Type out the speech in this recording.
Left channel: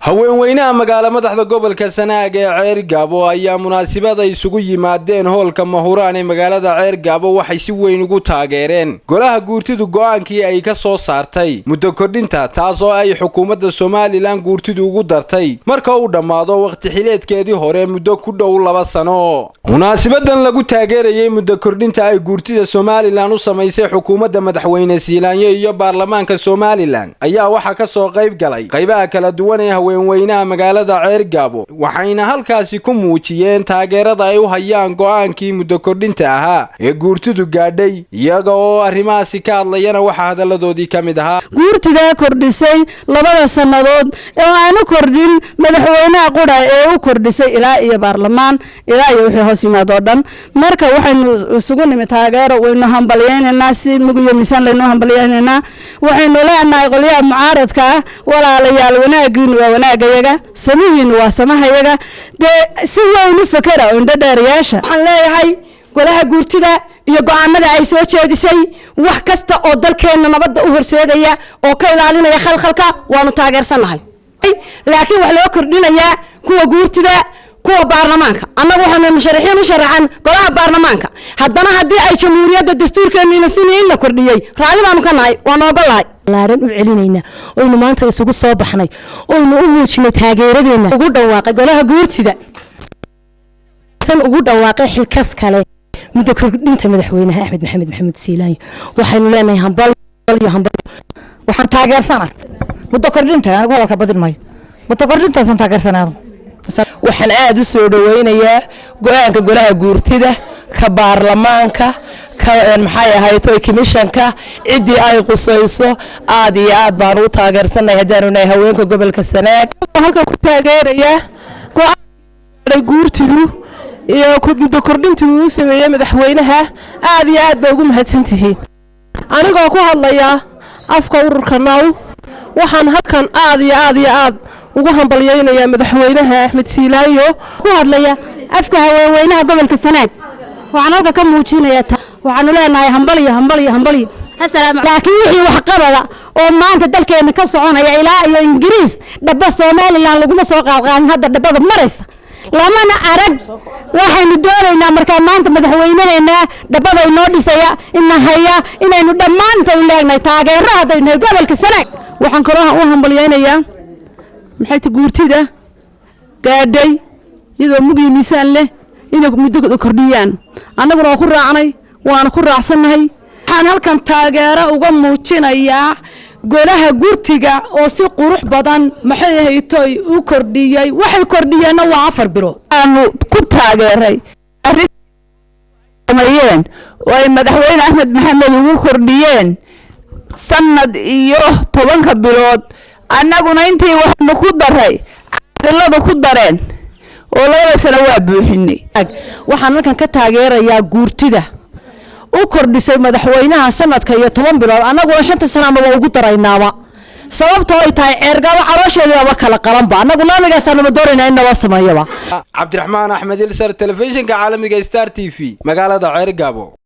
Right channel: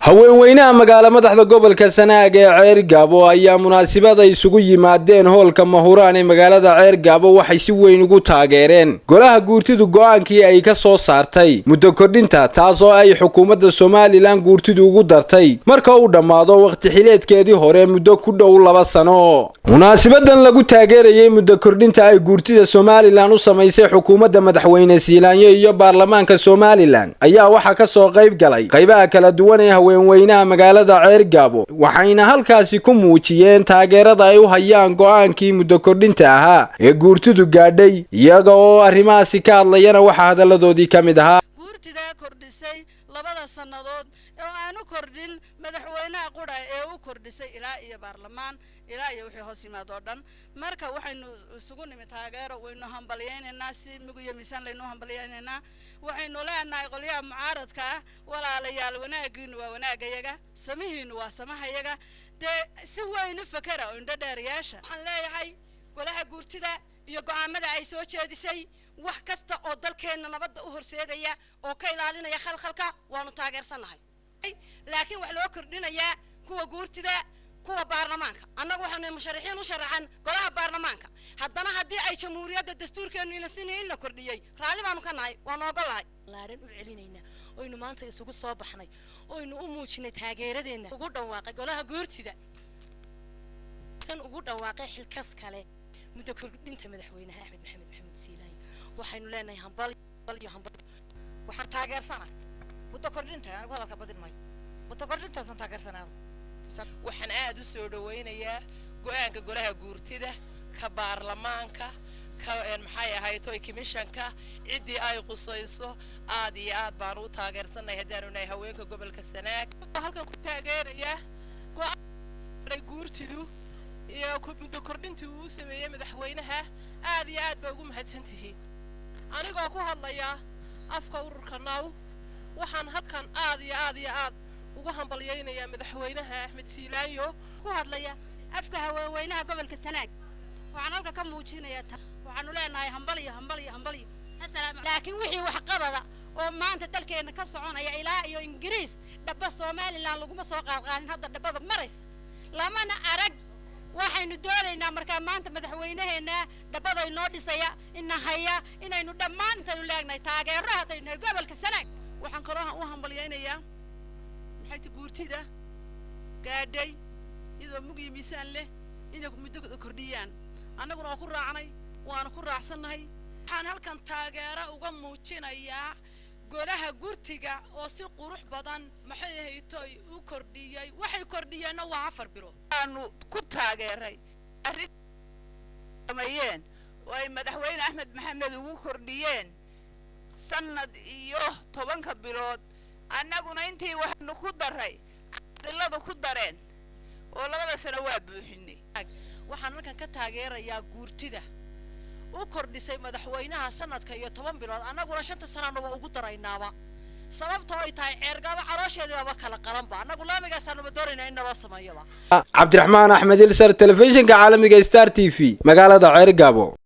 haweenweynaha magaala madaxda gobolka Sanaag ee Ceergaabo ayaa munaasabad ay isugu yimaadeen hoolka Mahuraan ee magaalada Ceergaabo waxay si weyn ugu taageereen golaha guurtidu go'aankii ay ka soo saartay muddo kordhinta taas oo ay xukuumadda Soomaaliland guurtidu ugu dartay marka uu dhamaado waqti xileedkeedii hore muddo ku dhow 2 sano. munaasabadan lagu taageerayay muddo kordhinta ay guurtida Soomaaliland u sameysay xukuumadda madaxweyne Siilaanyo iyo baarlamaanka Soomaaliland ayaa waxa ka soo qayb galay qaybaha kala duwan ee haweenweynaha magaalada Ceergaabo waxayna halkaasi ku muujiyeen taageerada ay u hayaan go'aankii muddo kordhinta ahaa ee guurtidu gaadhay iyaga oo arrimahaasi ka hadlayana waxa hadaladoodii kamid ahaa guurtida kordhisay 2 sanadood ee aanu kordhin madaxweynaha qura ee u kordhisay ilaa iyo baarlamaan ilaa iyo wixii hoos yimaado dhan marka waxaynu isugu nimid taageero waynu hambalyeynaa si mugiyo miisaan leynu hambalyeynaa waxaynu leenahay qoliyaha mucaaradka walaalayaal wanaagiin wanaagayaga samihiin waa samahayaga si weyn u fakara oo indhadheeriyaasha waxaan leeyahay golaha guurtida iyo go'aamada ay soo jeedisay wax kasta oo dalkeena nabadda u horseedaya oo ka ilaalinaya khalkhalka waanu taageersanahay laakiin wax loo kordhinayaa kuwa guurtida kuwa baarlamaanka annagu waxaan musharaxiin u sharaxan golaha baarlamaanka haddana haddii ay jamhuuriyadda dastuurkeena sinay la kordhiyay raali baanu ka nahay waan ogolahay laaran u celinayna oo maanta isugu soo baxnay oo u muujinay taageeradeena ugu dhawaaqay golaha guurtida san ugu dhawaaqay xilkas kale muddo kordhinta madaxweynaha Axmed Maxamed Maxamuud Siilaanyo waxaynu leenahay hambal waxaan taageersanahay muddo kordhinta anigu hadalka badin maayo muddo kordhinta san taageersanahay waxaan aad u soo dhaweynayaa go'aanka golaha guurtida ka baarlamaanka ka maxay ahaayto commissionka cidii ay qusayso aad iyo aad baan u taageersanahay hadaan nahay haweenka gobolka Sanaag halka ku taageeraya go'aanka guurtidu iyo muddo kordhinta uu sameeyay madaxweynaha aad iyo aad bay ugu mahadsantihiin anigoo ku hadlaya afka ururka NAW waxaan halkan aad iyo aad ugu hambalyeynaya madaxweynaha Axmed Siilaanyo ku hadlaya afka haweenweynaha gobolka Sanaag waxaan halka ka muujinaya waxaanu leenahay hambaliyo laakiin wixii wax qabada oo maanta dalkeena ka soconaya ilaa iyo Ingiriis dhaba Soomaaliland lagu soo qaadqaan hadda dhabada maraysa lamana arag waxaynu doonaynaa markaa maanta madaxweynaheena dhabada inoo dhisaya inaynu dhammaanteen leenahay taageero hadaynu gobolka Sanaag waxaan kaloo u hambalyeynaya maxay guurtida gaadhay iyadoo mugiyo miisaan leh inay muddo kordhiyaan annaguna waa ku raacnay waana ku raacsanahay waxaan halkan taageero uga muujinayaa golaha guurtiga oo si qurux badan maxay haytay u kordhiyay waxay kordhiyeen waa 4 bilood aanu ku taageeray arrintamayeen oo ay madaxweyne Axmed Maxamed ugu kordhiyeen sanad iyo 10 bilood annaguna intii waxnu ku daray cadaladu ku dareen oo 2 sano waa buuxinay waxaan halkan ka taageerayaa guurtida u kordhisay madaxweynaha sanadka iyo 10 bilood annaguna 5 sano ma ugu daraynaaba sababtoo ay tahay Ceergaabo caloosheeda kala qalanba annagu naamigaas aan dooranay in naba sameeyaba Cabdiraxmaan Axmed Ilsar telefishinka caalamiga Star TV magaalada Ceergaabo